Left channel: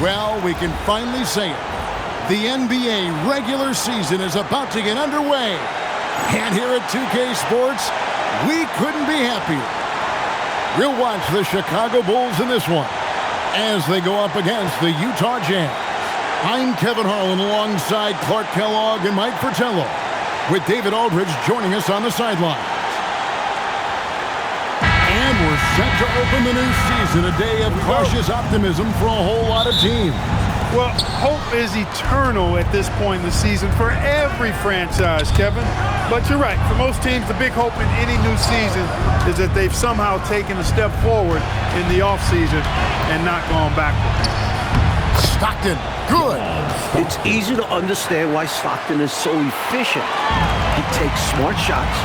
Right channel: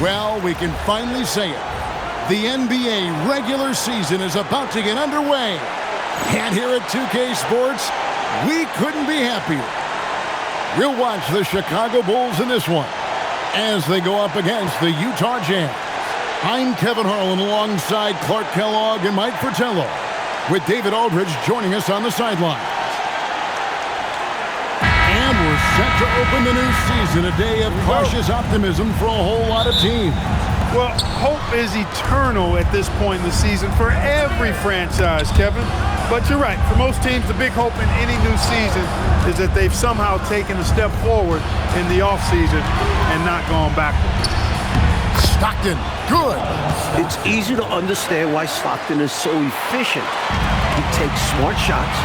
Well, we can finally say it. The NBA regular season is about to get underway. And here at 2K Sports, we couldn't be happier. We'll watch the Chicago Bulls in this one as they go up against the Utah Jazz. I'm Kevin Harlan alongside Clark Kellogg and Mike Fratello, with David Aldridge joining us on the sidelines. And we're set to open the new season, a day of cautious optimism for a whole lot of teams. Well, hope is eternal at this point in the season for every franchise, Kevin. But you're right. For most teams, the big hope in any new season is that they've somehow taken a step forward in the offseason and not gone backward. Stockton, good. It's easy to understand why Stockton is so efficient. He takes smart shots,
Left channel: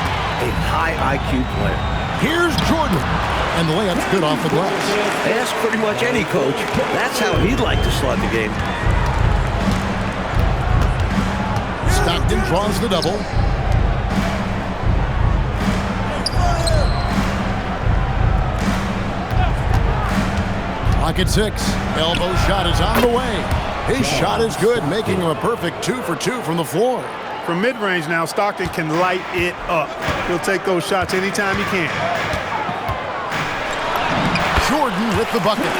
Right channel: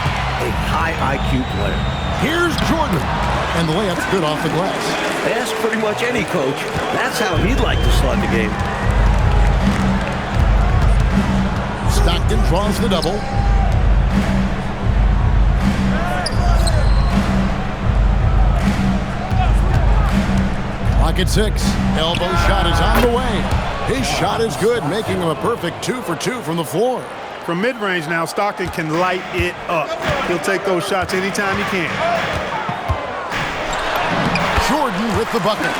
a high IQ player. Here's Jordan, and the layup's good off the glass. Ask pretty much any coach. That's how he'd like to start the game. Stockton draws the double. Clock at 6. Elbow shot is on the way. His shot is good, making him a perfect 2 for 2 from the floor. From mid-range now, Stockton can light it up. He'll take those shots anytime he can. Jordan with the bucket.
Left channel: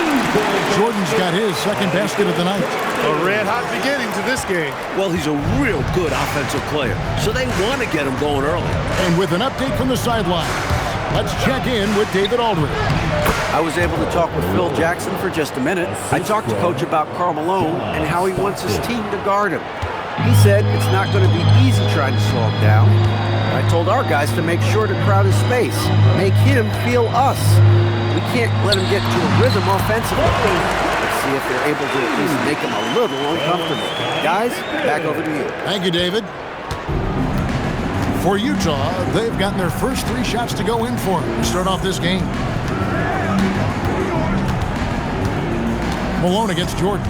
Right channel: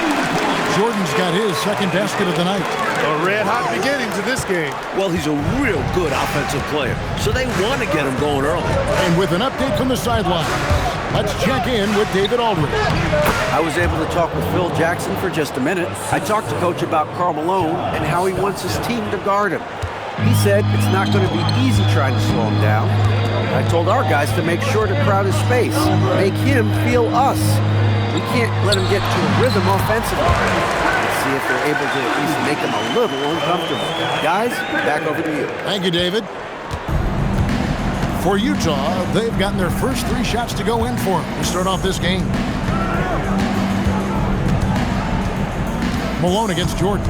Jordan's got his second basket of the night. A red-hot beginning to this game. Well, he's a real good offensive player, so they want to get him going early. And with an update from the sideline, let's check in with David Aldridge. I was able to talk with Phil Jackson for just a minute. I talked to Coach about Karl Malone and how he wants his team to guard him. He said it's not going to be easy trying to slow him down. I told our guys to make sure to crowd his space, make him feel us. We can't let him get into a rhythm offensively. Let's see if they're able to at least make him a little uncomfortable. Guys, back over to you. Thank you, David. For Utah, they've gotten their first 3 shots to go in for them to start off this game. Malone against Jordan.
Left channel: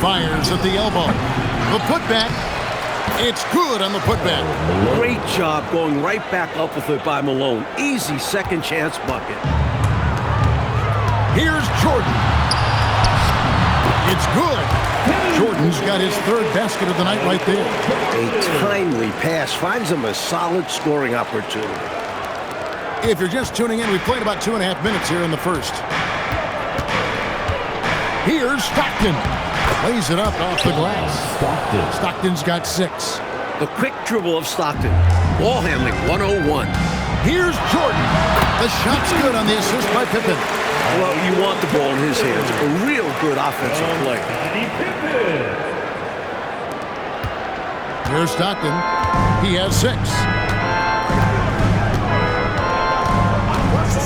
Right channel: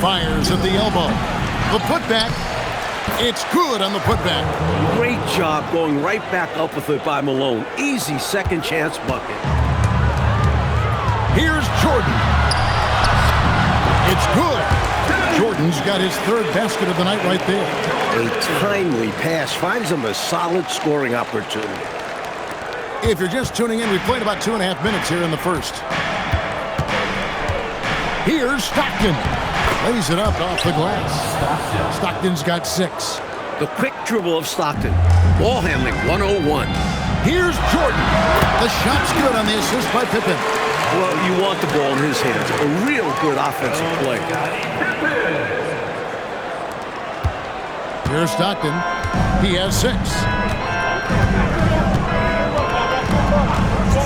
Fires at the elbow. The putback. It's good on the putback. Great job going right back up with it by Malone. Easy second chance bucket. Here's Jordan. It's good. Jordan's got his 3rd basket of the night right there. A timely pass finds him a solid scoring opportunity. If you're just tuning in, we played about 2.5 minutes here in the first. Here's Stockton. Lays it up off the glass. Stockton's got 6. The quick dribble of Stockton. Ball handling 101. Here's Jordan. The shot's good on the assist by Pippen. Well, you want the ball in his hands. A real good offensive player. Here's Stockton. He has 6.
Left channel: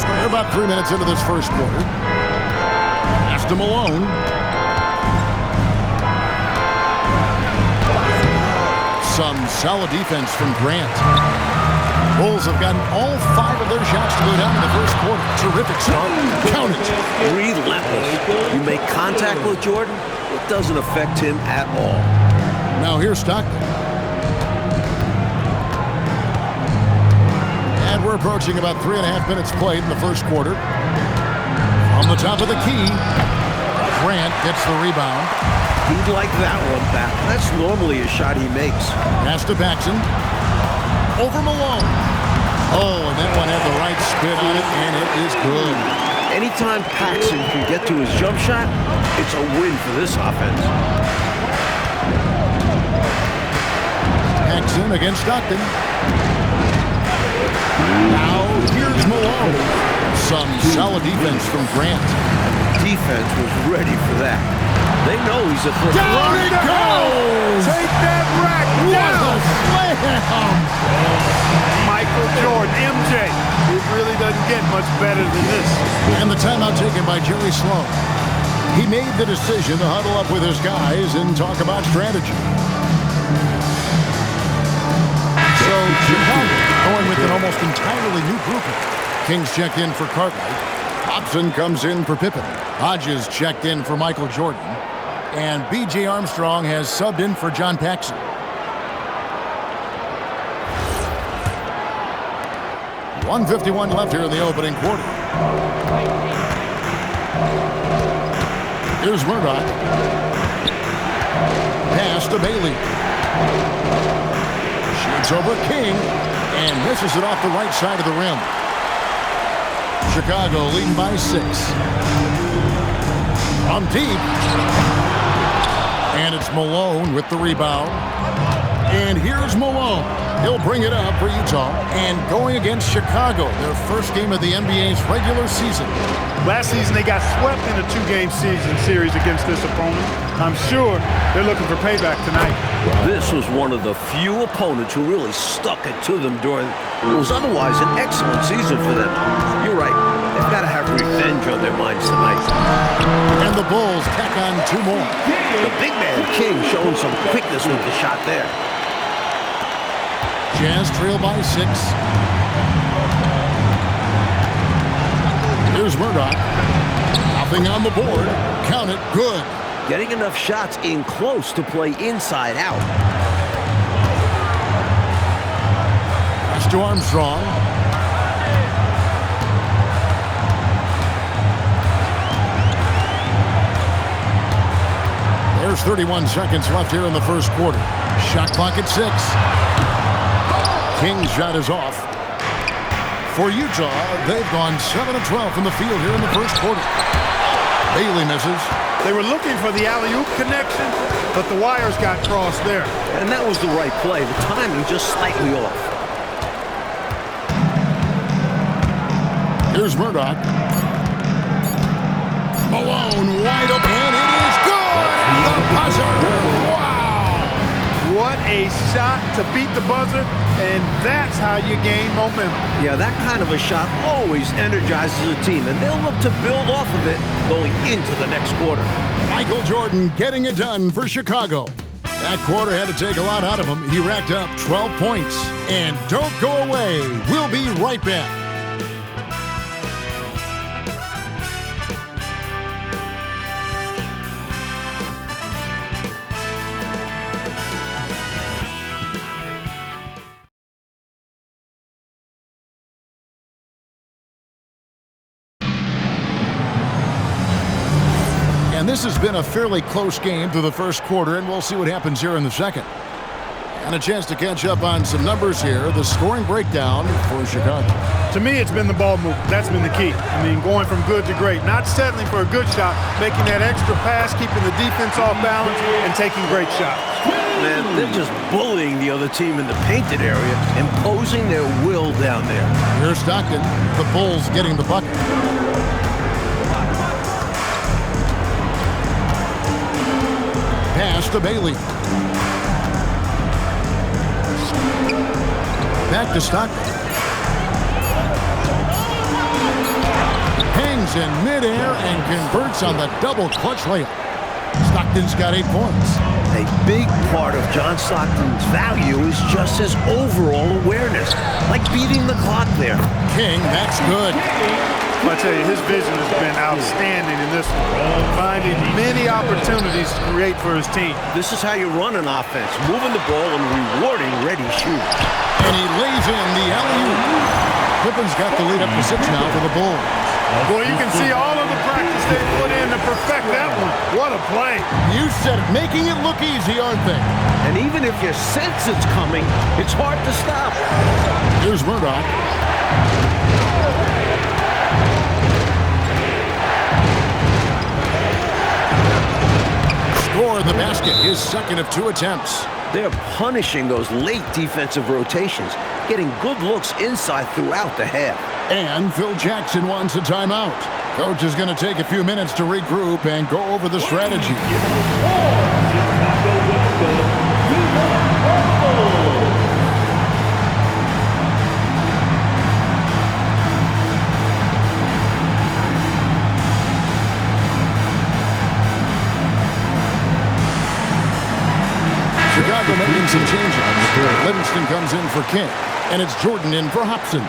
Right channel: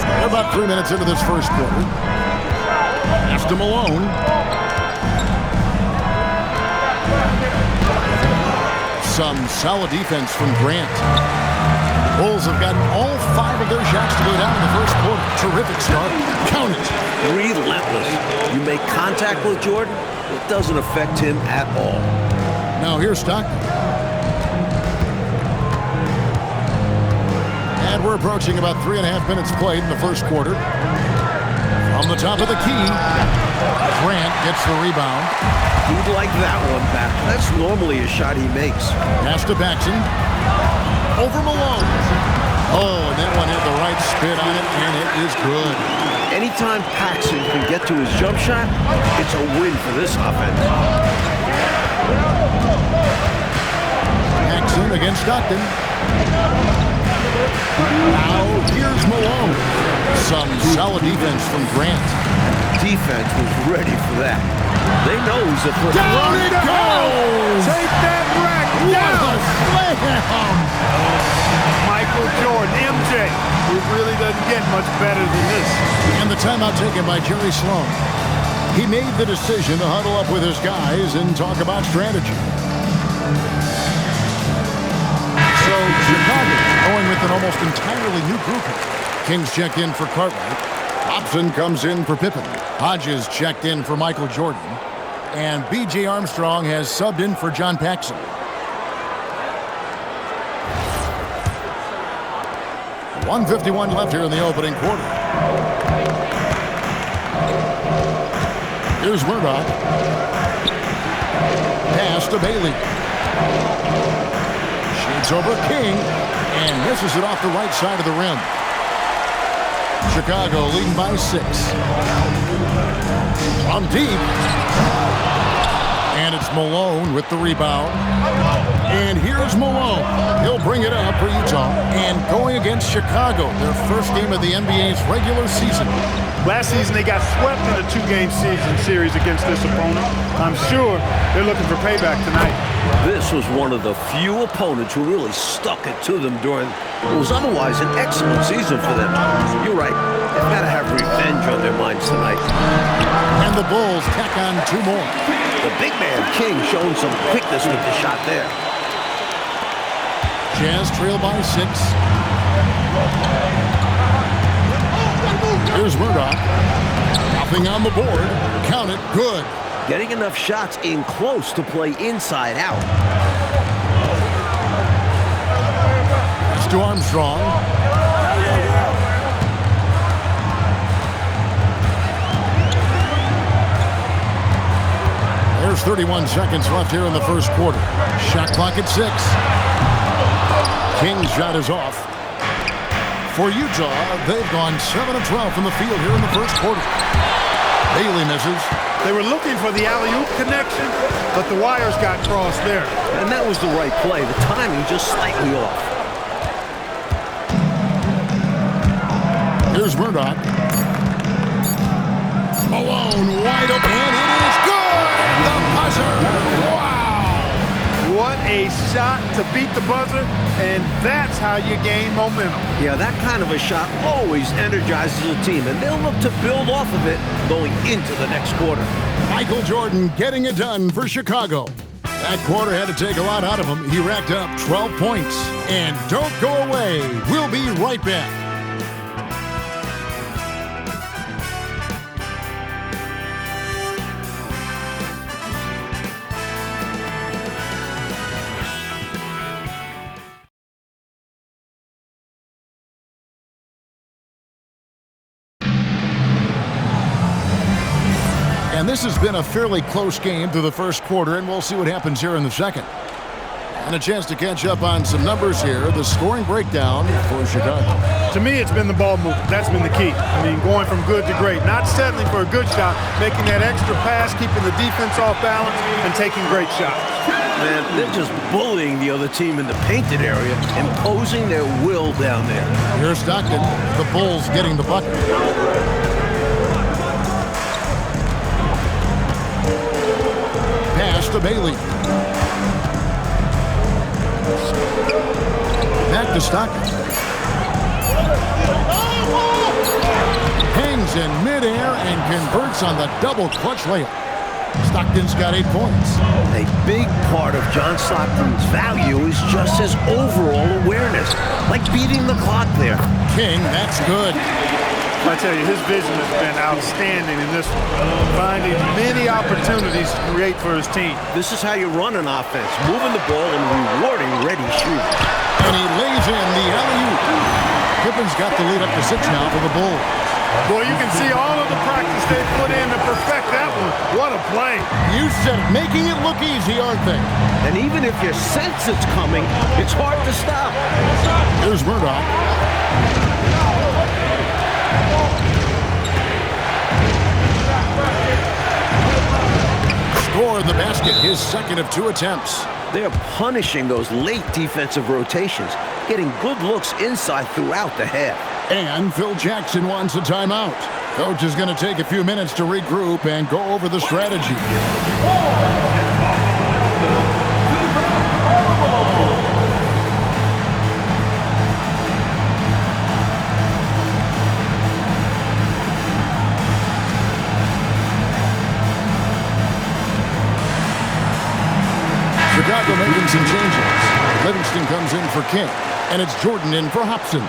They're about 3 minutes into this first quarter. Pass to Malone. Some solid defense from Grant. Bulls have gotten all 5 of their shots to go down in the first quarter. Terrific start. Count it. Relentless. You make contact with Jordan, it doesn't affect him at all. Now here's Stockton. And we're approaching about 3.5 minutes played in the first quarter. From the top of the key, Grant gets the rebound. He'd like that one back. That's normally a shot he makes. Pass to Paxson. Over Malone. Oh, and that one had the right spin on it, and it is good. Anytime Paxson can get to his jump shot, it's a win for this offense. Paxson against Stockton. Now here's Malone. Some solid defense from Grant. Defense was ready for that. They know he's a threat. Down it goes! Take that rack down! What a slam! Michael Jordan, MJ. It really doesn't get much better than this. And the timeout taken by Jerry Sloan. He made the decision to huddle up with his guys and talk about strategy. So Chicago going with an almost entirely new grouping. Kings checked in for Cartwright. Hobson comes in for Pippen. Hodges checked in for Michael Jordan. And B.J. Armstrong has subbed in for John Paxson. .151 left here in the opening quarter. Here's Murdoch. Pass to Bailey. Shoots over King and misses it off the right side of the rim. Chicago leading by 6. On deep. And it's Malone with the rebound. And here's Malone. He'll bring it up for Utah. And going against Chicago, their first game of the NBA's regular season. Last season, they got swept in a 2-game season series against this opponent. I'm sure they're looking for payback tonight. This was one of the few opponents who really stuck it to them during what was otherwise an excellent season for them. You're right. They've got to have revenge on their minds tonight. And the Bulls tack on 2 more. The big man, King, showing some quickness with the shot there. Jazz trail by 6. Here's Murdoch. Nothing on the board. Count it. Good. Getting enough shots in close to play inside out. Pass to Armstrong. There's 31 seconds left here in the first quarter. Shot clock at 6. King's shot is off. For Utah, they've gone 7 of 12 from the field here in the first quarter. Bailey misses. They were looking for the alley-oop connection, but the wires got crossed there. And that was the right play. The timing just slightly off. Here's Murdoch. Malone wide open. And it is good at the buzzer. Wow. What a shot to beat the buzzer, and that's how you gain momentum. Yeah, that kind of a shot always energizes a team, and they'll look to build off of it going into the next quarter. Michael Jordan getting it done for Chicago. That quarter had to take a lot out of him. He racked up 12 points. And don't go away. We'll be right back. And this has been a fairly close game through the first quarter, and we'll see what happens here in the second. And a chance to catch up on some numbers here. The scoring breakdown for Chicago. To me, it's been the ball movement. That's been the key. I mean, going from good to great. Not settling for a good shot, making that extra pass, keeping the defense off balance, and taking great shots. Man, they're just bullying the other team in the painted area, imposing their will down there. Here's Stockton. The Bulls getting the bucket. Pass to Bailey. Back to Stockton. Hangs in midair and converts on the double clutch layup. Stockton's got 8 points. A big part of John Stockton's value is just his overall awareness, like beating the clock there. King, that's good. I tell you, his vision has been outstanding in this one, finding many opportunities to create for his team. This is how you run an offense, moving the ball and rewarding ready shooters. And he lays in the alley-oop. Pippen's got the lead up to 6 now for the Bulls. Boy, you can see all of the practice they put in to perfect that one. What a play. You said it, making it look easy, aren't they? And even if you sense it's coming, it's hard to stop. Here's Murdoch. Score the basket, his second of 2 attempts. They're punishing those late defensive rotations, getting good looks inside throughout the half. And Phil Jackson wants a timeout. Coach is going to take a few minutes to regroup and go over the strategy. Chicago making some changes. Livingston comes in for King, and it's Jordan in for Hobson.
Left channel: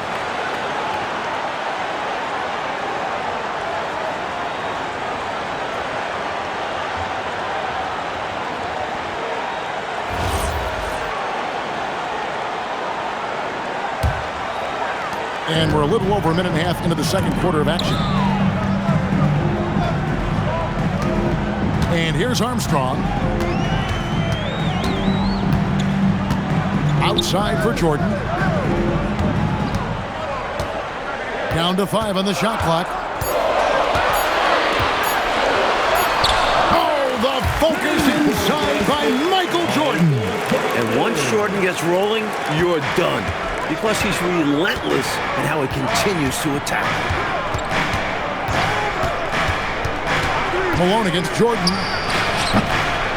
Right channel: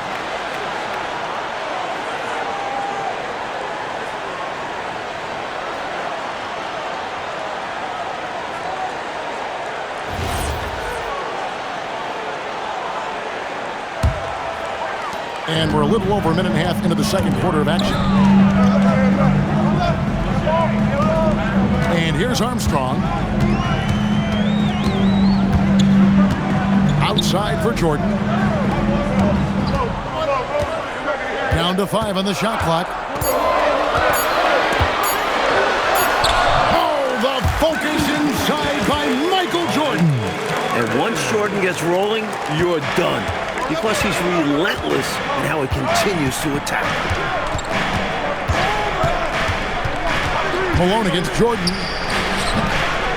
And we're a little over a minute and a half into the second quarter of action. And here's Armstrong. Outside for Jordan. Down to 5 on the shot clock. Oh, the focus inside by Michael Jordan. And once Jordan gets rolling, you're done. Because he's relentless in how he continues to attack. Malone against Jordan.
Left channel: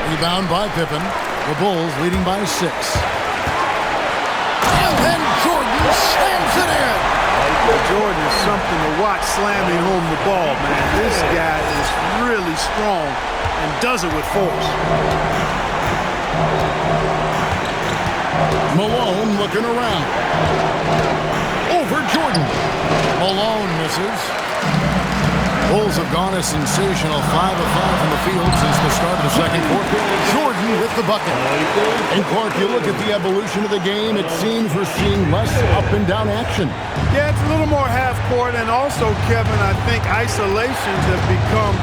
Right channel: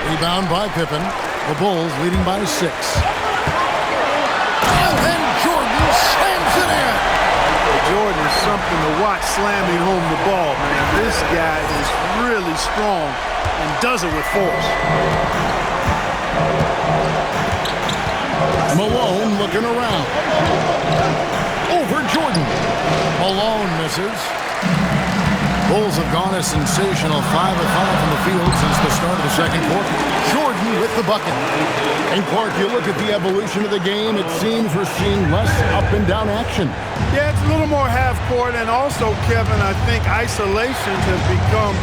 Rebound by Pippen. The Bulls leading by 6. And then Jordan slams it in. Jordan is something to watch slamming home the ball, man. This guy is really strong and does it with force. Malone looking around. Over Jordan. Malone misses. Bulls have gone a sensational 5 of 5 from the field since the start of the second quarter. Jordan with the bucket. And Clark, you look at the evolution of the game, it seems we're seeing less up and down action. Yeah, it's a little more half court, and also, Kevin, I think isolations have become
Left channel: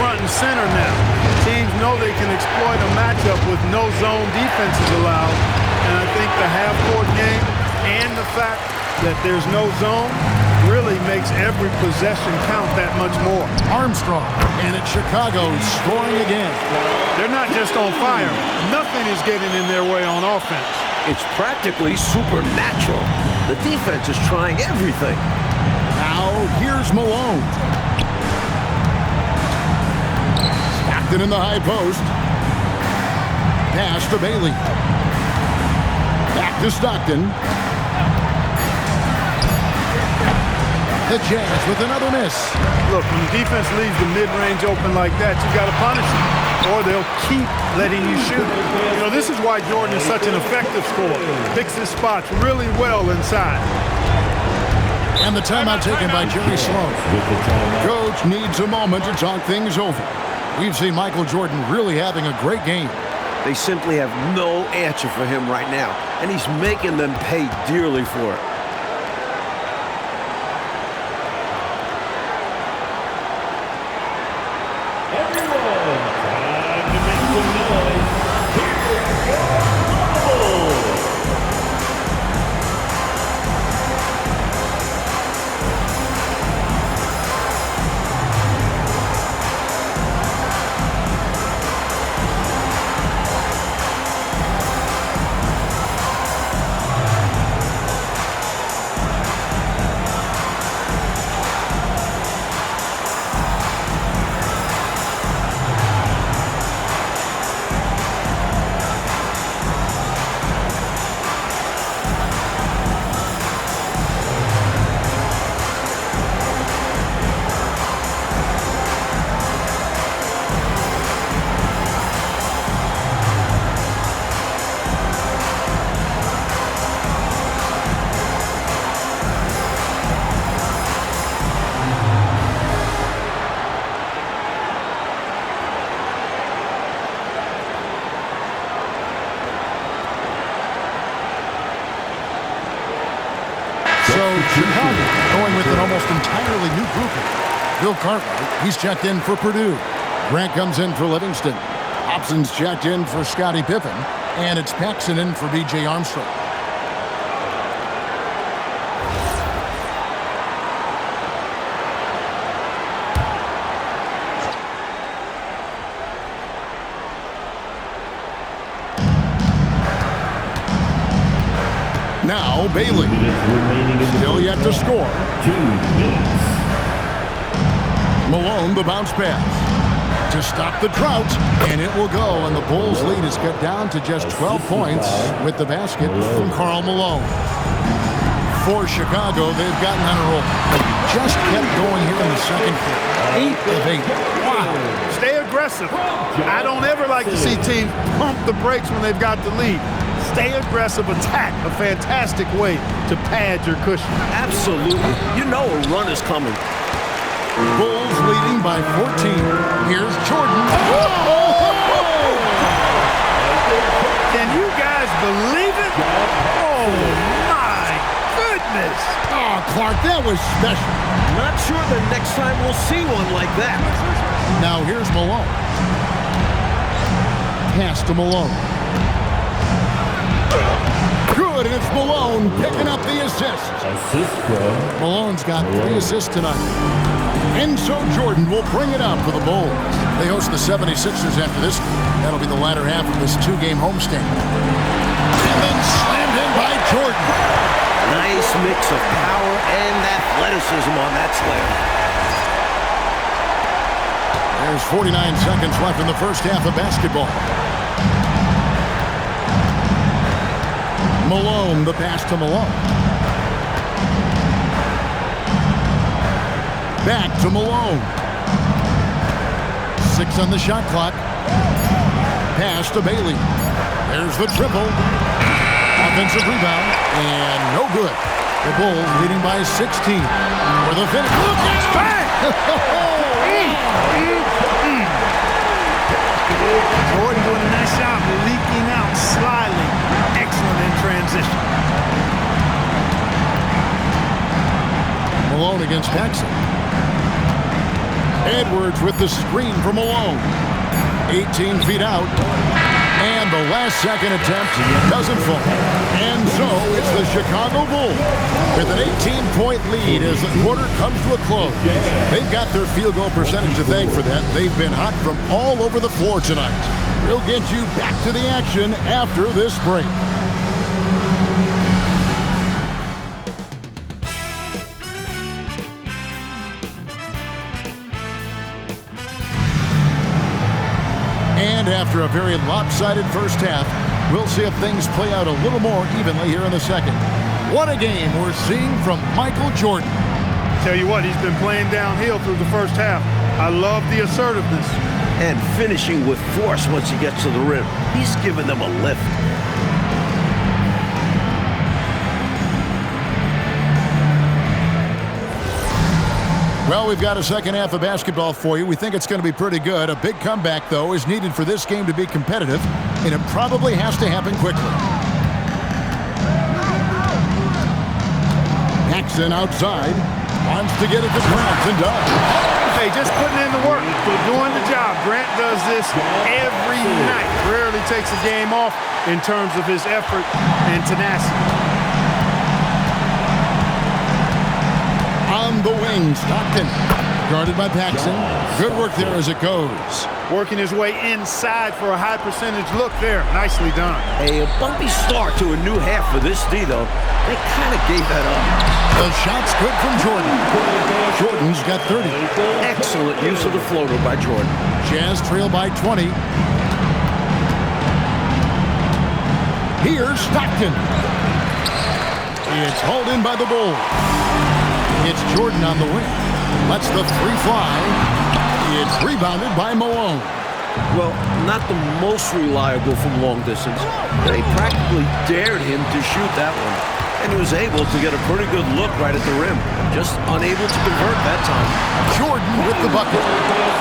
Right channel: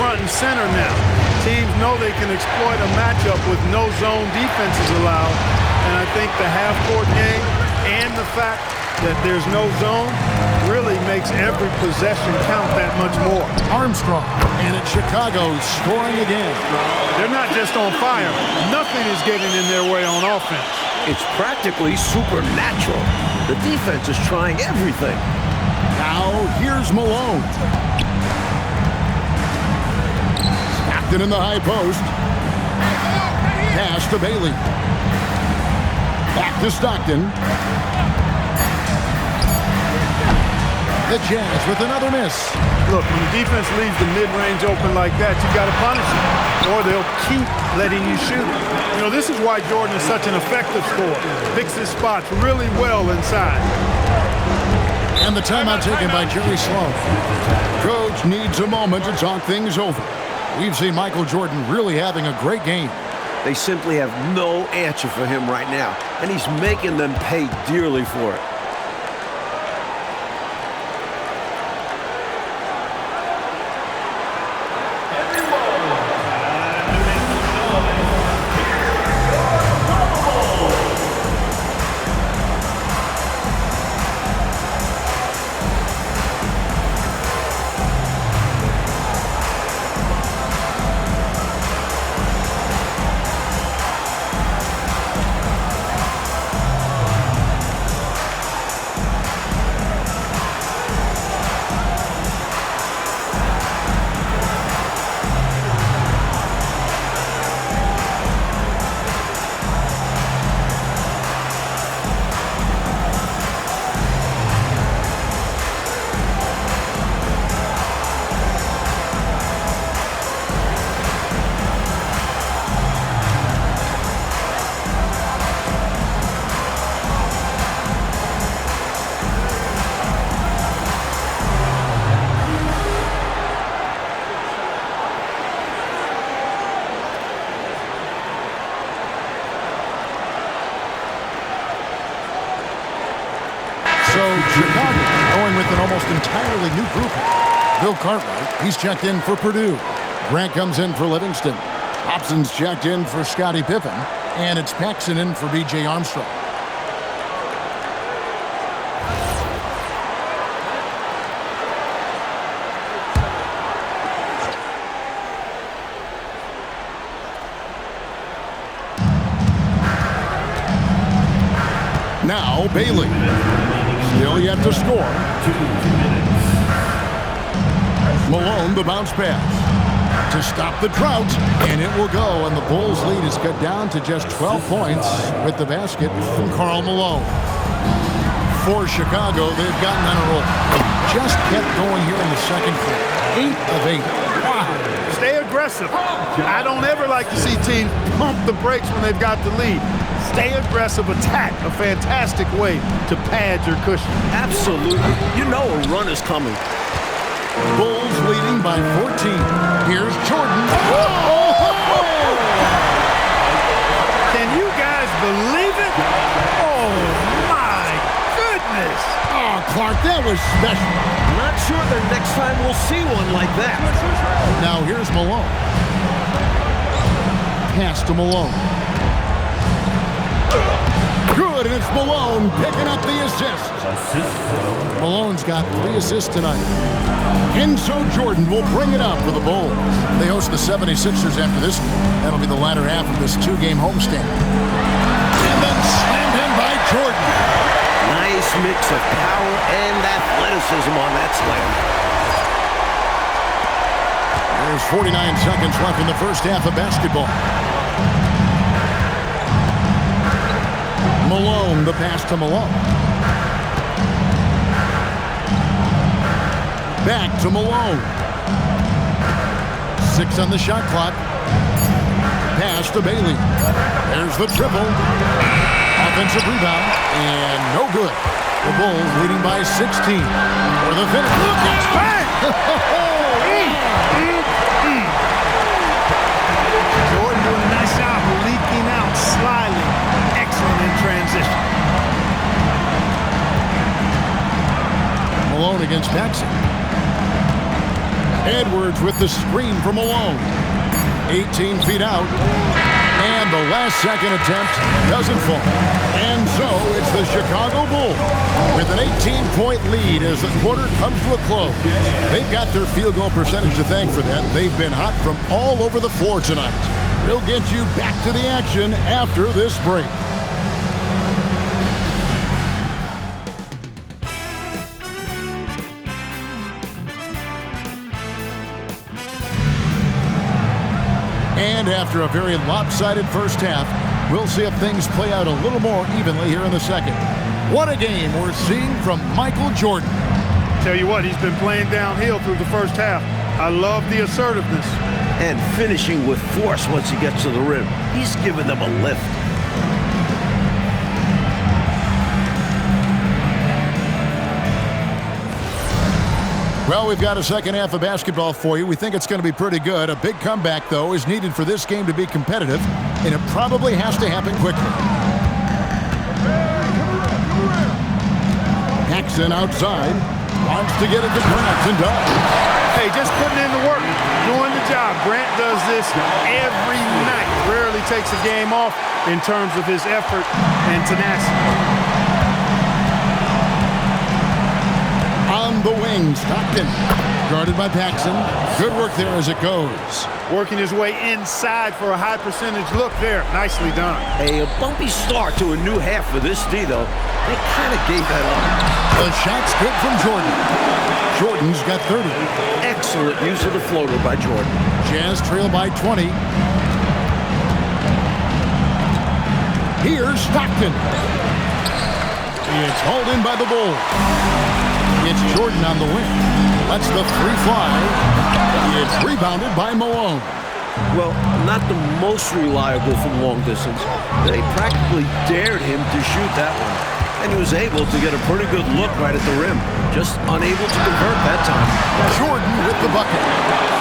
front and center now. Teams know they can exploit a matchup with no zone defenses allowed, and I think the half court game and the fact that there's no zone really makes every possession count that much more. Armstrong, and it's Chicago scoring again. They're not just on fire. Nothing is getting in their way on offense. It's practically supernatural. The defense is trying everything. Now, here's Malone. Stockton in the high post. Pass to Bailey. Back to Stockton. The Jazz with another miss. Look, when the defense leaves the mid-range open like that, you got to punish them, or they'll keep letting you shoot it. You know, this is why Jordan is such an effective scorer. Picks his spots really well inside. And the timeout taken by Jerry Sloan. Coach needs a moment to talk things over. We've seen Michael Jordan really having a great game. They simply have no answer for him right now, and he's making them pay dearly for it. So Chicago going with an almost entirely new grouping. Bill Cartwright, he's checked in for Purdue. Grant comes in for Livingston. Hobson's checked in for Scottie Pippen. And it's Paxson in for B.J. Armstrong. Now Bailey. Still yet to score. 2 minutes. Malone, the bounce pass. To stop the drought, and it will go. And the Bulls' lead is cut down to just 12 points with the basket from Karl Malone. For Chicago, they've gotten on a roll. Just kept going here in the second quarter. 8 of 8. Wow. Stay aggressive. I don't ever like to see teams pump the brakes when they've got the lead. Stay aggressive, attack, a fantastic way to pad your cushion. Absolutely. You know a run is coming. Bulls leading by 14. Here's Jordan. Can you guys believe it? Oh, my goodness. Oh, Clark, that was special. Not sure the next time we'll see one like that. Now here's Malone. pass to Malone. Good, and it's Malone picking up the assist. Assist from Malone's got 3 assists tonight. Enzo Jordan will bring it up for the Bulls. They host the 76ers after this game. That'll be the latter half of this 2-game homestand. And then slammed in by Jordan. Nice mix of power and athleticism on that slam. There's 49 seconds left in the first half of basketball. Malone, the pass to Malone. Back to Malone. 6 on the shot clock. Pass to Bailey. There's the triple. Offensive rebound, and no good. The Bulls leading by 16. For the finish. Look out! Bang! Jordan doing a nice job leaking out, sliding. Excellent in transition. Malone against Paxson. Edwards with the screen for Malone. 18 feet out. And the last second attempt doesn't fall. And so it's the Chicago Bulls with an 18-point lead as the quarter comes to a close. They've got their field goal percentage to thank for that. They've been hot from all over the floor tonight. We'll get you back to the action after this break. And after a very lopsided first half, we'll see if things play out a little more evenly here in the second. What a game we're seeing from Michael Jordan. Tell you what, he's been playing downhill through the first half. I love the assertiveness. And finishing with force once he gets to the rim. He's giving them a lift. Well, we've got a second half of basketball for you. We think it's going to be pretty good. A big comeback, though, is needed for this game to be competitive, and it probably has to happen quickly. Paxson outside. Wants to get it to Grant and does. Hey, just putting in the work, doing the job. Grant does this every night. Rarely takes a game off in terms of his effort and tenacity. On the wing, Stockton. Guarded by Paxson. Good work there as it goes. Working his way inside for a high percentage look there. Nicely done. A bumpy start to a new half for this D, though. They kind of gave that up. The shot's good from Jordan. Jordan's got 30. Excellent use of the floater by Jordan. Jazz trail by 20. Here's Stockton. It's hauled in by the Bulls. It's Jordan on the wing. Lets the three fly. It's rebounded by Malone. Well, not the most reliable from long distance. They practically dared him to shoot that one. And he was able to get a pretty good look right at the rim. Just unable to convert that time. Jordan with the bucket.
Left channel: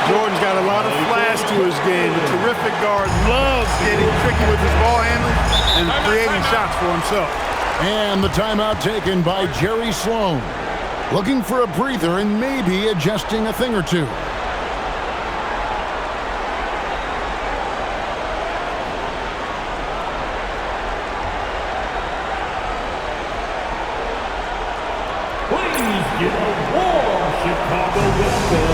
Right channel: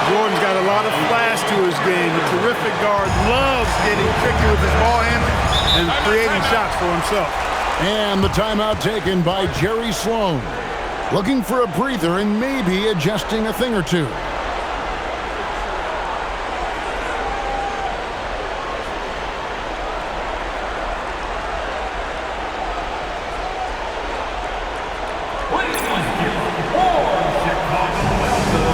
Jordan's got a lot of flash to his game. A terrific guard, loves getting tricky with his ball handling and creating shots for himself. And the timeout taken by Jerry Sloan. Looking for a breather and maybe adjusting a thing or two. Please give a warm Chicago welcome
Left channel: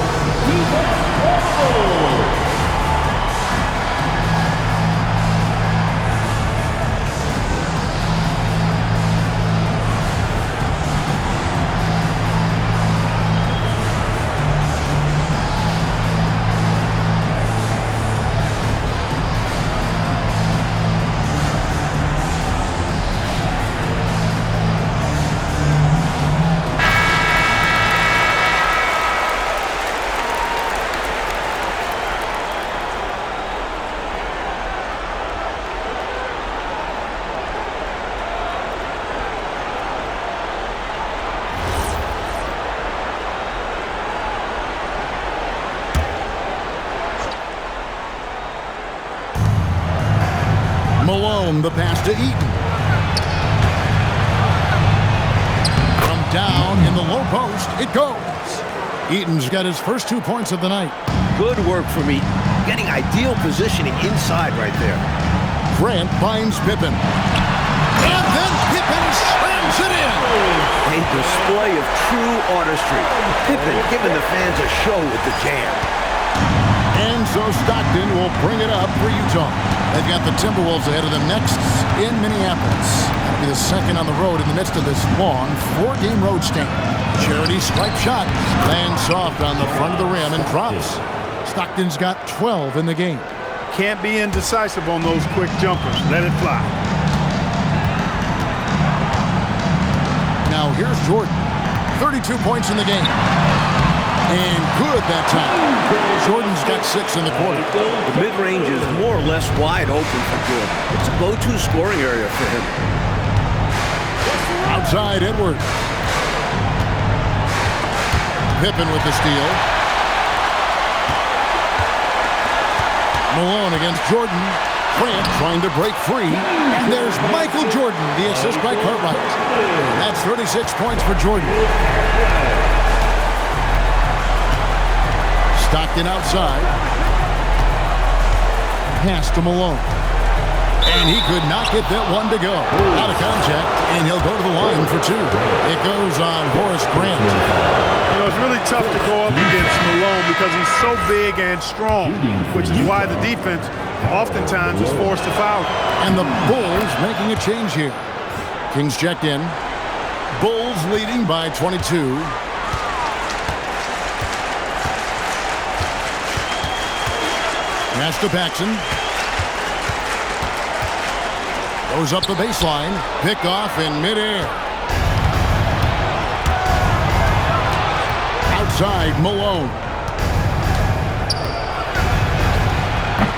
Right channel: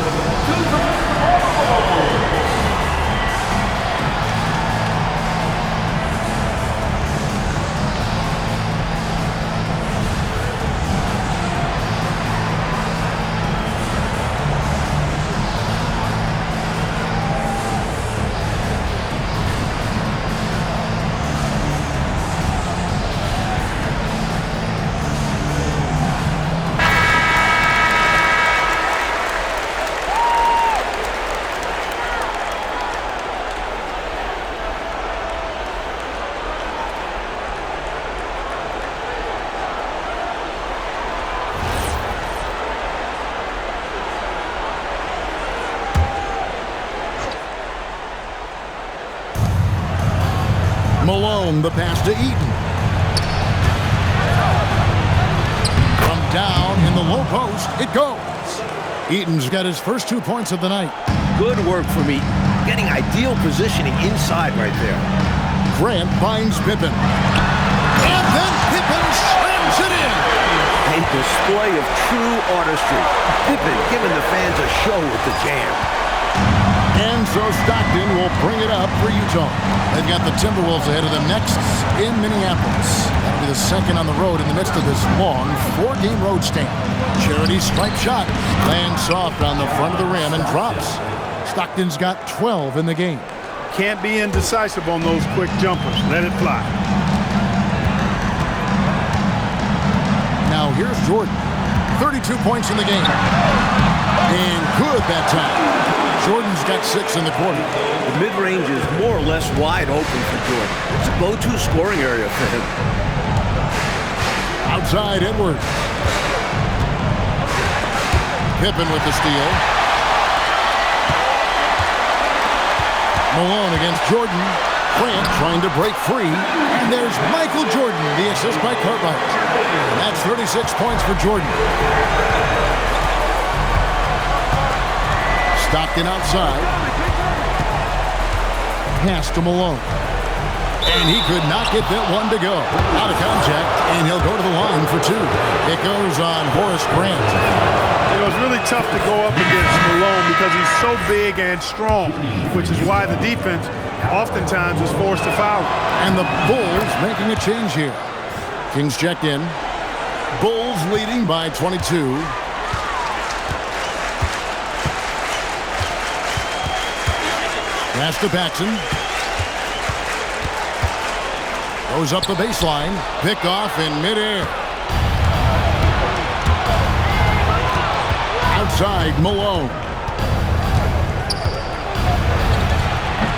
to the Bulls. Malone, the pass to Eaton. From down in the low post, it goes. Eaton's got his first 2 points of the night. Good work from Eaton. getting ideal positioning inside right there. Grant finds Pippen. And then Pippen slams it in. A display of true artistry. Pippen giving the fans a show with the jam. And so Stockton will bring it up for Utah. They've got the Timberwolves ahead of them next in Minneapolis. That'll be the second on the road in the midst of this long 4-game road stand. Charity stripe shot lands soft on the front of the rim and drops. Stockton's got 12 in the game. Can't be indecisive on those quick jumpers. Let it fly. Now here's Jordan. 32 points in the game. And good that time. Jordan's got 6 in the quarter. The mid-range is more or less wide open for Jordan. It's a go-to scoring area for him. Outside Edwards. Pippen with the steal. Malone against Jordan. Grant trying to break free. And there's Michael Jordan, the assist by Cartwright. And that's 36 points for Jordan. Stockton outside. Pass to Malone. And he could not get that one to go. Out of contact, and he'll go to the line for 2. It goes on Horace Grant. You know, it's really tough to go up against Malone because he's so big and strong, which is why the defense oftentimes is forced to foul. And the Bulls making a change here. Kings checked in. Bulls leading by 22. Pass to Paxson. Goes up the baseline. Picked off in midair. Outside, Malone.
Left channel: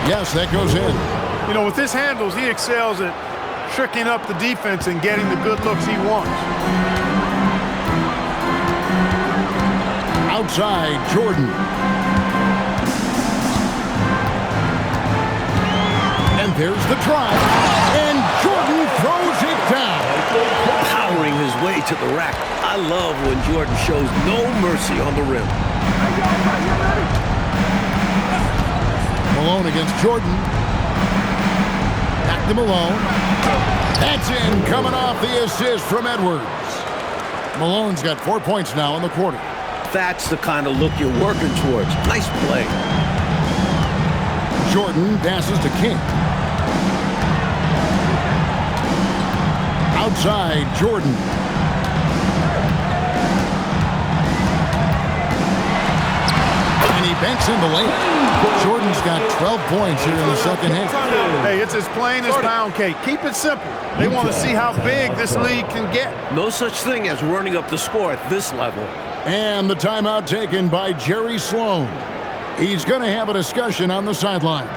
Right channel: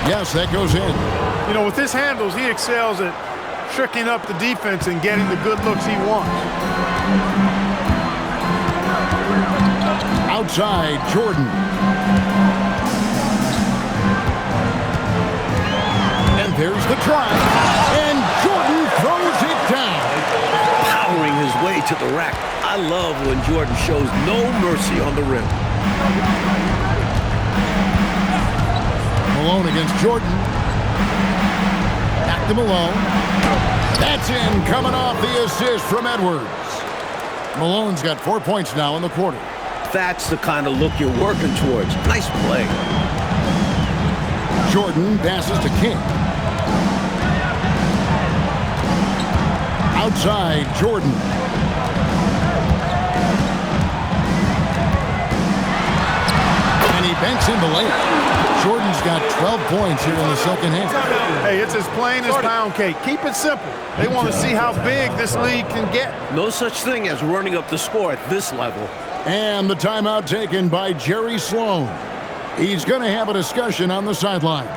Yes, that goes in. You know, with his handles, he excels at tricking up the defense and getting the good looks he wants. Outside, Jordan. And there's the drive. And Jordan throws it down. Powering his way to the rack. I love when Jordan shows no mercy on the rim. Malone against Jordan. Back to Malone. That's in, coming off the assist from Edwards. Malone's got 4 points now in the quarter. That's the kind of look you're working towards. Nice play. Jordan passes to King. Outside, Jordan. And he banks in the layup. Jordan's got 12 points here in the second half. Hey, it's as plain as pound cake. Keep it simple. They want to see how big this league can get. No such thing as running up the score at this level. And the timeout taken by Jerry Sloan. He's going to have a discussion on the sideline.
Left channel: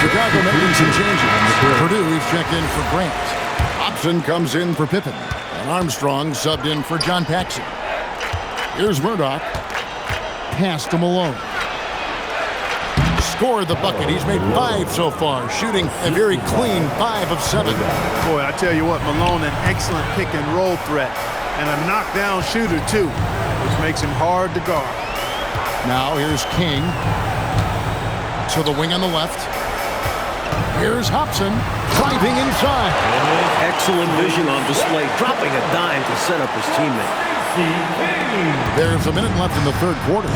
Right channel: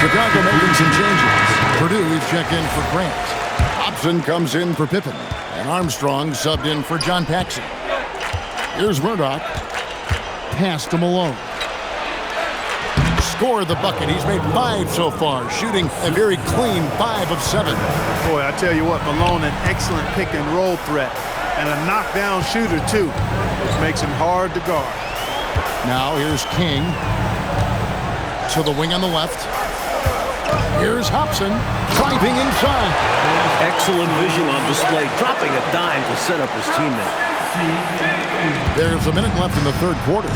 Chicago making some changes. Purdue, he's checked in for Grant. Hobson comes in for Pippen. And Armstrong subbed in for John Paxson. Here's Murdoch. Pass to Malone. Scored the bucket. He's made 5 so far, shooting a very clean 5 of 7. Boy, I tell you what, Malone, an excellent pick and roll threat. And a knockdown shooter, too, which makes him hard to guard. Now here's King. To the wing on the left. Here's Hobson, driving inside. Excellent vision on display, dropping a dime to set up his teammate. There's a minute left in the third quarter.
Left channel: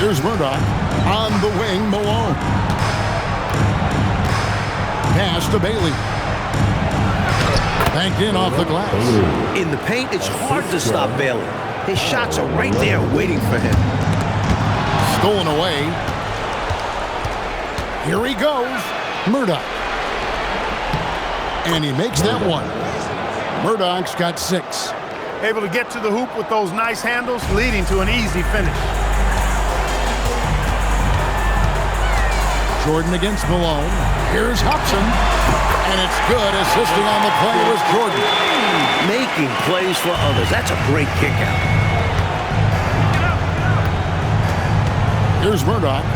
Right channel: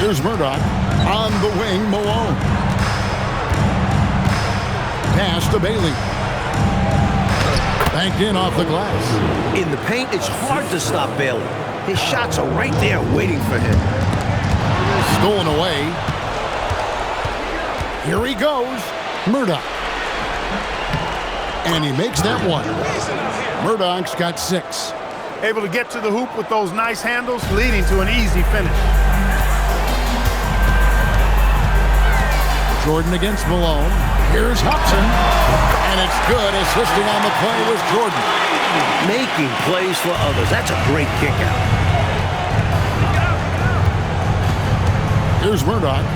Here's Murdoch. On the wing, Malone. Pass to Bailey. Banked in off the glass. In the paint, it's hard to stop Bailey. His shots are right there waiting for him. Stolen away. Here he goes. Murdoch. And he makes that one. Murdoch's got 6. Able to get to the hoop with those nice handles, leading to an easy finish. Jordan against Malone. Here's Hobson. And it's good. Assisting on the play was Jordan. Making plays for others. That's a great kick out. Here's Murdoch.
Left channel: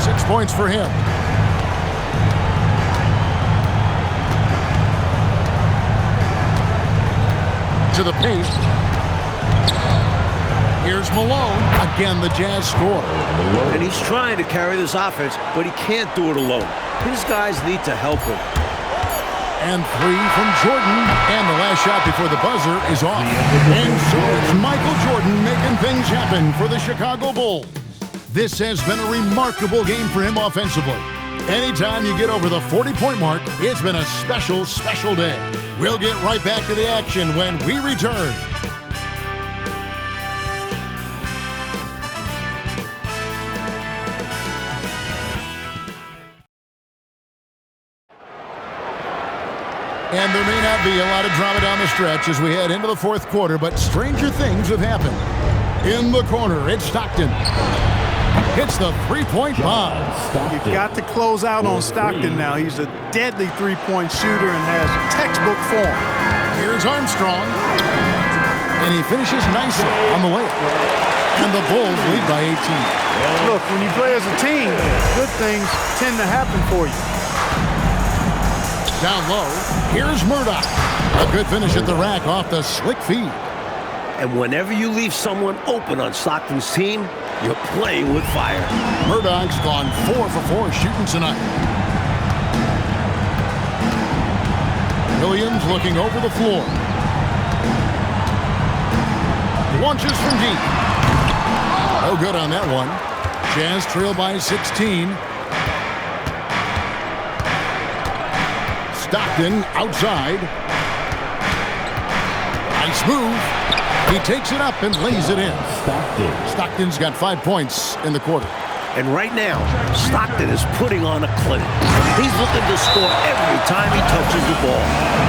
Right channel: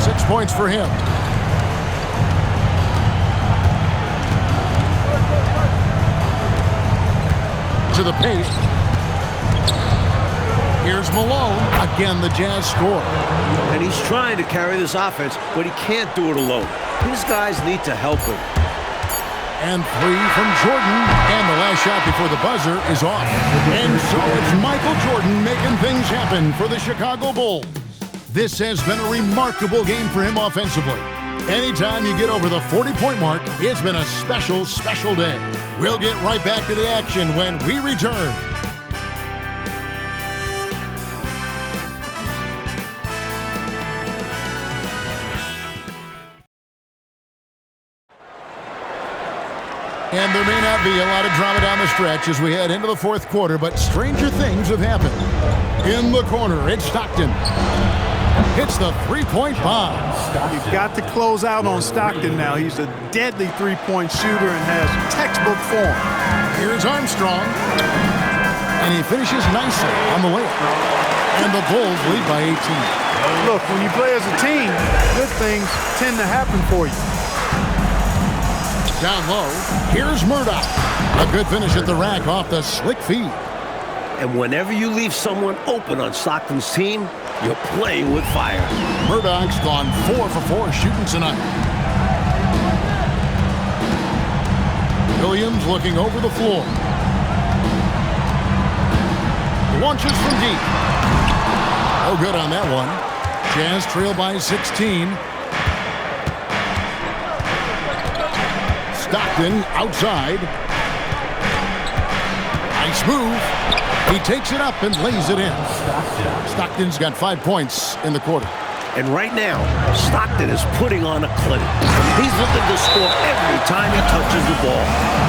6 points for him. To the paint. Here's Malone. Again, the Jazz score. And he's trying to carry this offense, but he can't do it alone. His guys need to help him. And 3 from Jordan. And the last shot before the buzzer is off. And so it's Michael Jordan making things happen for the Chicago Bulls. This has been a remarkable game for him offensively. Anytime you get over the 40-point mark, it's been a special, special day. We'll get right back to the action when we return. And there may not be a lot of drama down the stretch as we head into the fourth quarter, but stranger things have happened. In the corner, it's Stockton. Hits the three-point bomb. You've got to close out on Stockton now. He's a deadly three-point shooter and has textbook form. Here's Armstrong. And he finishes nicely on the layup. And the Bulls lead by 18. Look, when you play as a team, good things tend to happen for you. Down low, here's Murdoch. A good finish at the rack off the slick feed. And whenever you leave someone open on Stockton's team, you're playing with fire. Murdoch's gone 4 for 4 shooting tonight. Williams looking over the floor. Launches from deep. No good on that one. Jazz trail by 16. Stockton outside. Nice move. He takes it up and lays it in. Stockton's got 5 points in the quarter. And right now, Stockton is putting on a clinic. He's looking to score every time he touches the ball.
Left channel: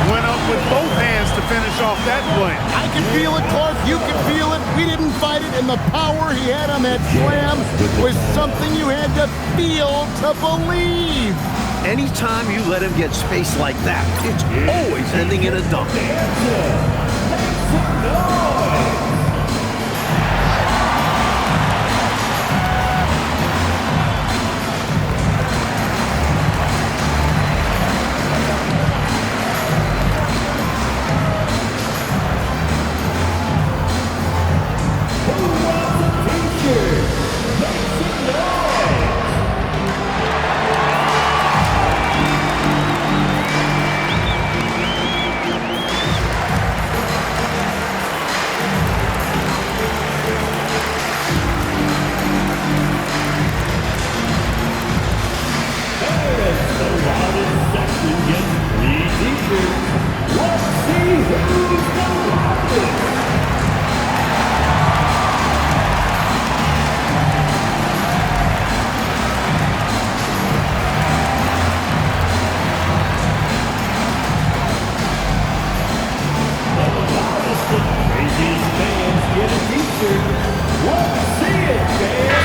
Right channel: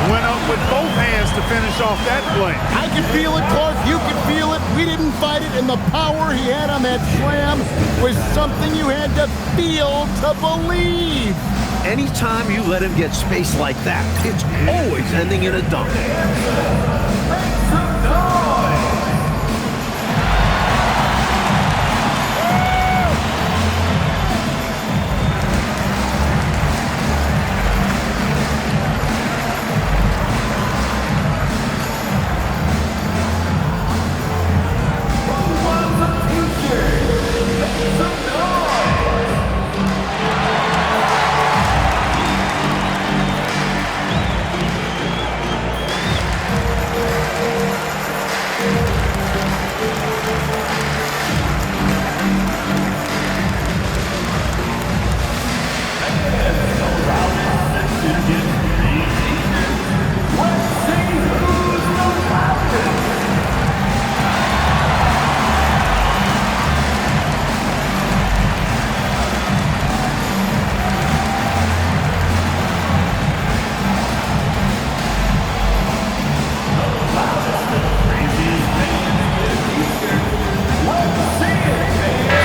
Went up with both hands to finish off that play. I can feel it, Clark. You can feel it. We didn't fight it, and the power he had on that slam was something you had to feel to believe. Anytime you let him get space like that, it's always ending in a dunk.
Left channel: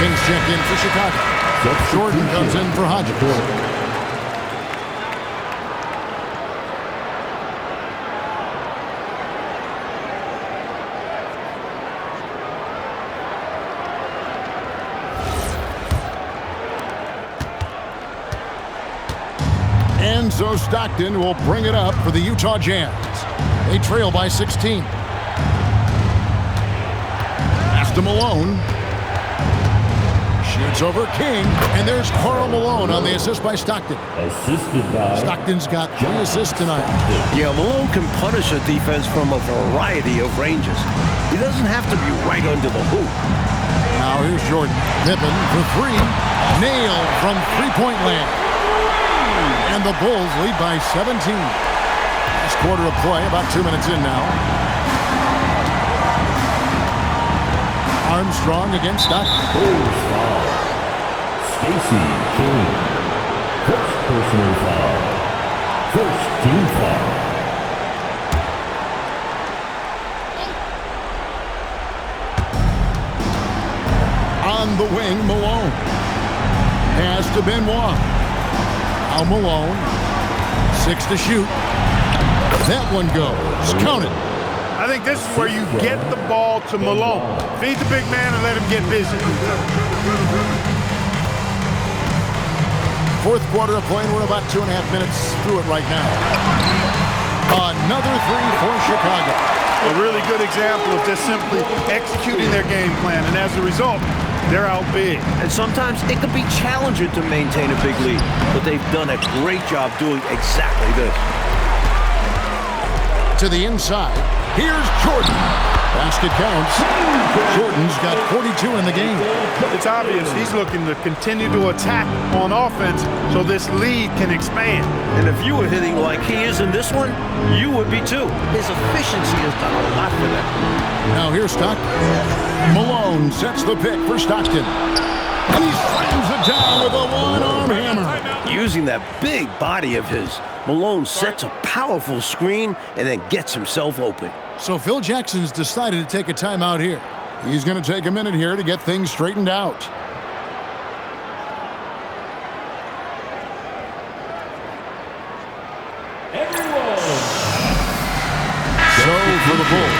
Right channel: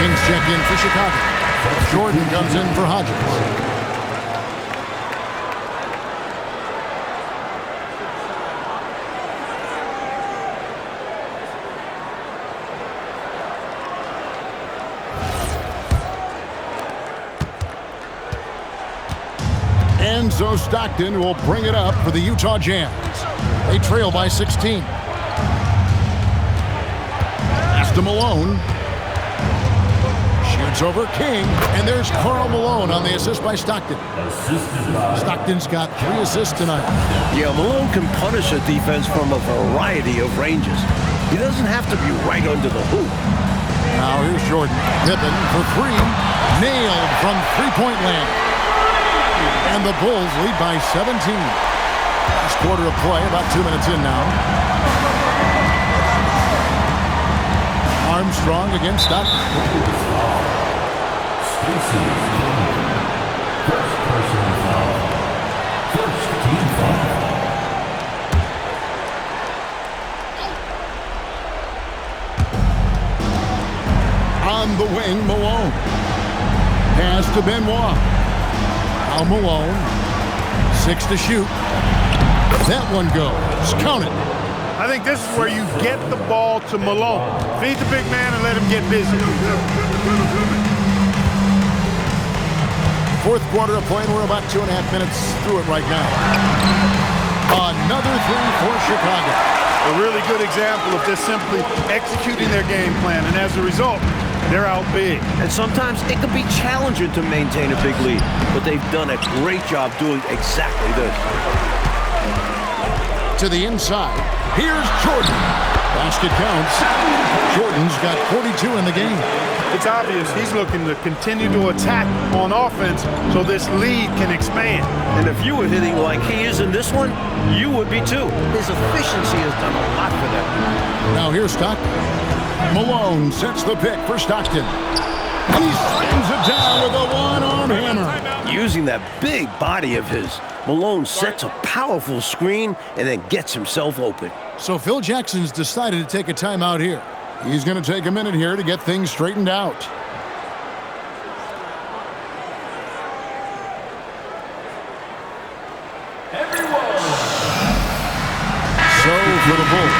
Kings check in for Chicago. Jordan comes in for Hodges. And so Stockton will bring it up for the Utah Jazz. They trail by 16. Pass to Malone. Shoots over King, and there's Karl Malone on the assist by Stockton. Stockton's got 3 assists tonight. Yeah, Malone can punish a defense from a variety of ranges. He doesn't have to be right under the hoop. Now here's Jordan. Pippen for 3. Nailed from three-point land. And the Bulls lead by 17. Last quarter of play, about 2 minutes in now. Armstrong against Stockton. Stacey King. First personal foul. First team foul. On the wing, Malone. Pass to Benoit. Now Malone. 6 to shoot. That one goes. Count it. I think this is where you get the ball to Malone. Feed the big man and let him get busy. Fourth quarter of play, and we're about 2.5 minutes through it right now. Another three for Chicago. A really good example of just simply executing their game plan, and as a result, they're out big. And sometimes it can be challenging to maintain a big lead, but they've done a great job doing exactly this. To the inside, here's Jordan. Basket counts. Jordan's got 42 in the game. It's obvious he's looking to continue to attack on offense so this lead can expand. And if you were hitting like he is in this one, you would be too. His efficiency has done a lot for them. Now here's Stockton. Malone sets the pick for Stockton. And he slams it down with a one-arm hammer. Using that big body of his, Malone sets a powerful screen and then gets himself open. So Phil Jackson's decided to take a timeout here. He's going to take a minute here to get things straightened out. So for the Bulls,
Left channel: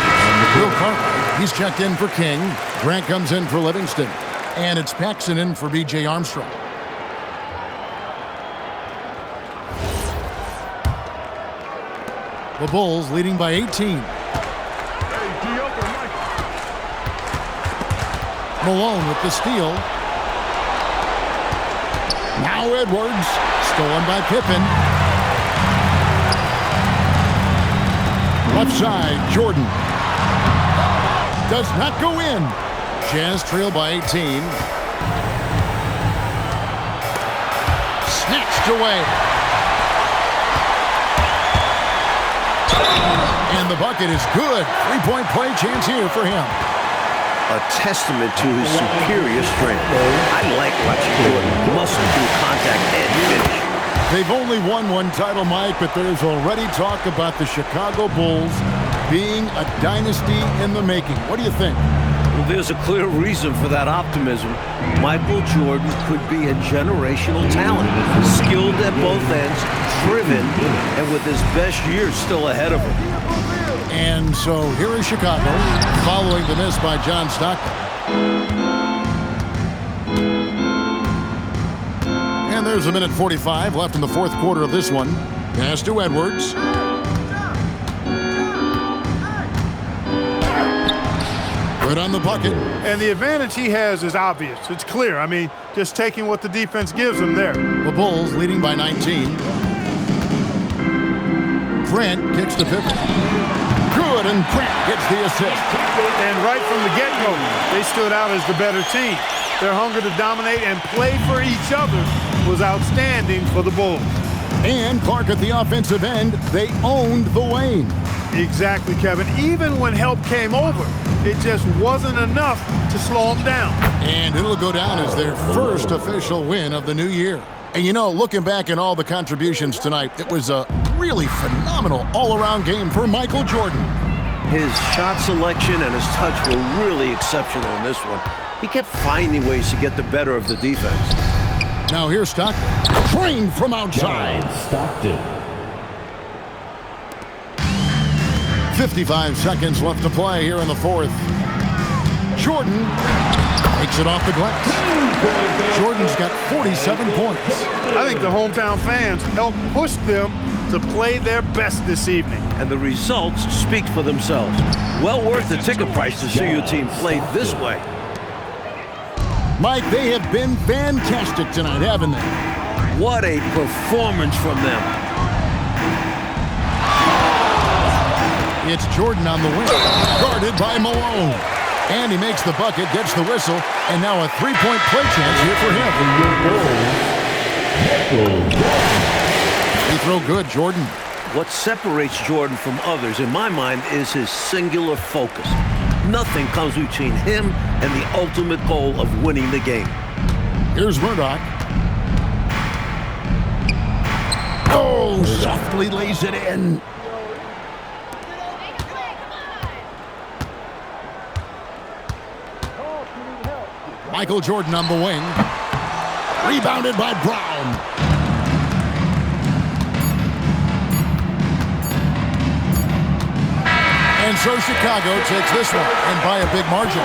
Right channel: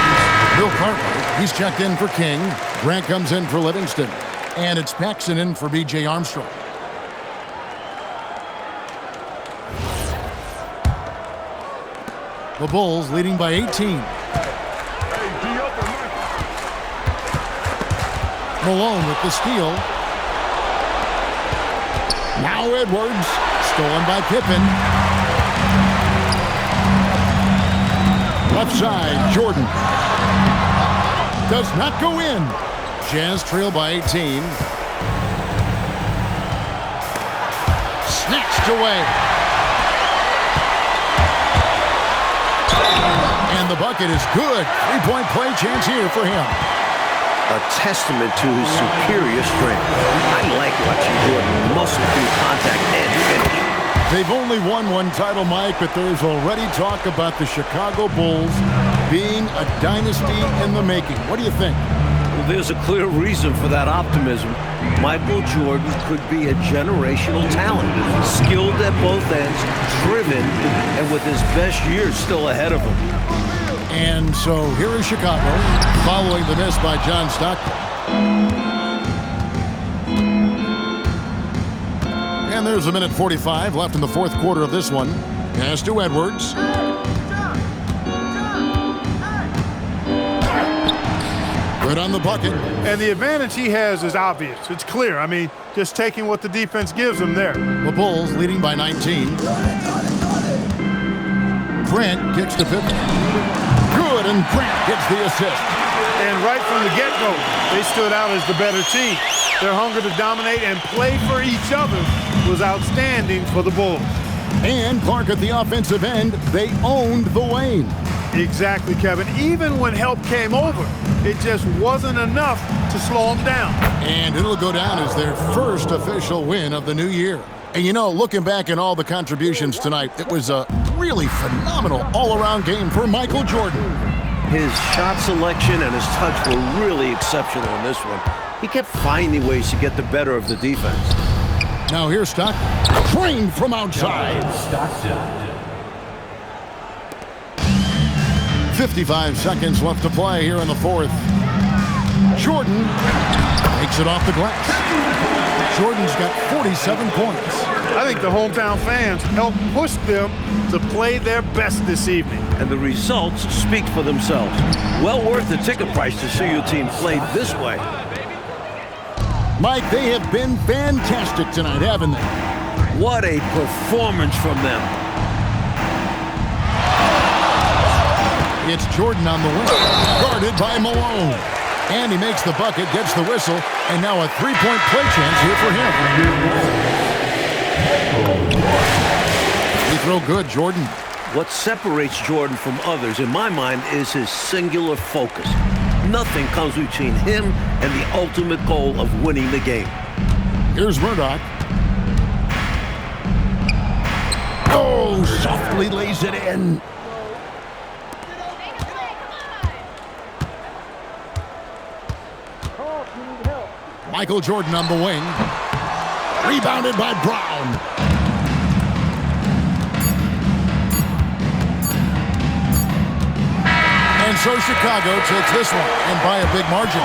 Bill Cartwright, he's checked in for King. Grant comes in for Livingston. And it's Paxson in for B.J. Armstrong. The Bulls leading by 18. Malone with the steal. Now Edwards, stolen by Pippen. Left side, Jordan. Does not go in. Jazz trail by 18. Snatched away. And the bucket is good. Three-point play chance here for him. A testament to his superior strength. I like watching Jordan muscle through contact and finish. They've only won one title, Mike, but there's already talk about the Chicago Bulls being a dynasty in the making. What do you think? Well, there's a clear reason for that optimism. Michael Jordan could be a generational talent, skilled at both ends, driven, and with his best years still ahead of him. And so here is Chicago, following the miss by John Stockton. And there's a minute 45 left in the fourth quarter of this one. Pass to Edwards. Good on the bucket. And the advantage he has is obvious. It's clear. I mean, just taking what the defense gives him there. The Bulls leading by 19. Grant kicks to Pippen. Good, and Grant gets the assist. And right from the get-go, they stood out as the better team. Their hunger to dominate and play for each other was outstanding for the Bulls. And Clark at the offensive end, they owned the lane. Exactly, Kevin. Even when help came over, it just wasn't enough to slow them down. And it'll go down as their first official win of the new year. And you know, looking back at all the contributions tonight, it was a really phenomenal all-around game for Michael Jordan. His shot selection and his touch were really exceptional in this one. He kept finding ways to get the better of the defense. Now here's Stockton, trained from outside. Stockton. 55 seconds left to play here in the fourth. Jordan takes it off the glass. Jordan's got 47 points. I think the hometown fans helped push them to play their best this evening. And the results speak for themselves. Well worth the ticket price to see your team play this way. Mike, they have been fantastic tonight, haven't they? What a performance from them. It's Jordan on the wing, guarded by Malone. And he makes the bucket, gets the whistle, and now a three-point play chance here for him. Free throw good, Jordan. What separates Jordan from others, in my mind, is his singular focus. Nothing comes between him and the ultimate goal of winning the game. Here's Murdoch. Oh, softly lays it in. Michael Jordan on the wing. Rebounded by Brown. And so Chicago takes this one, and by a big margin.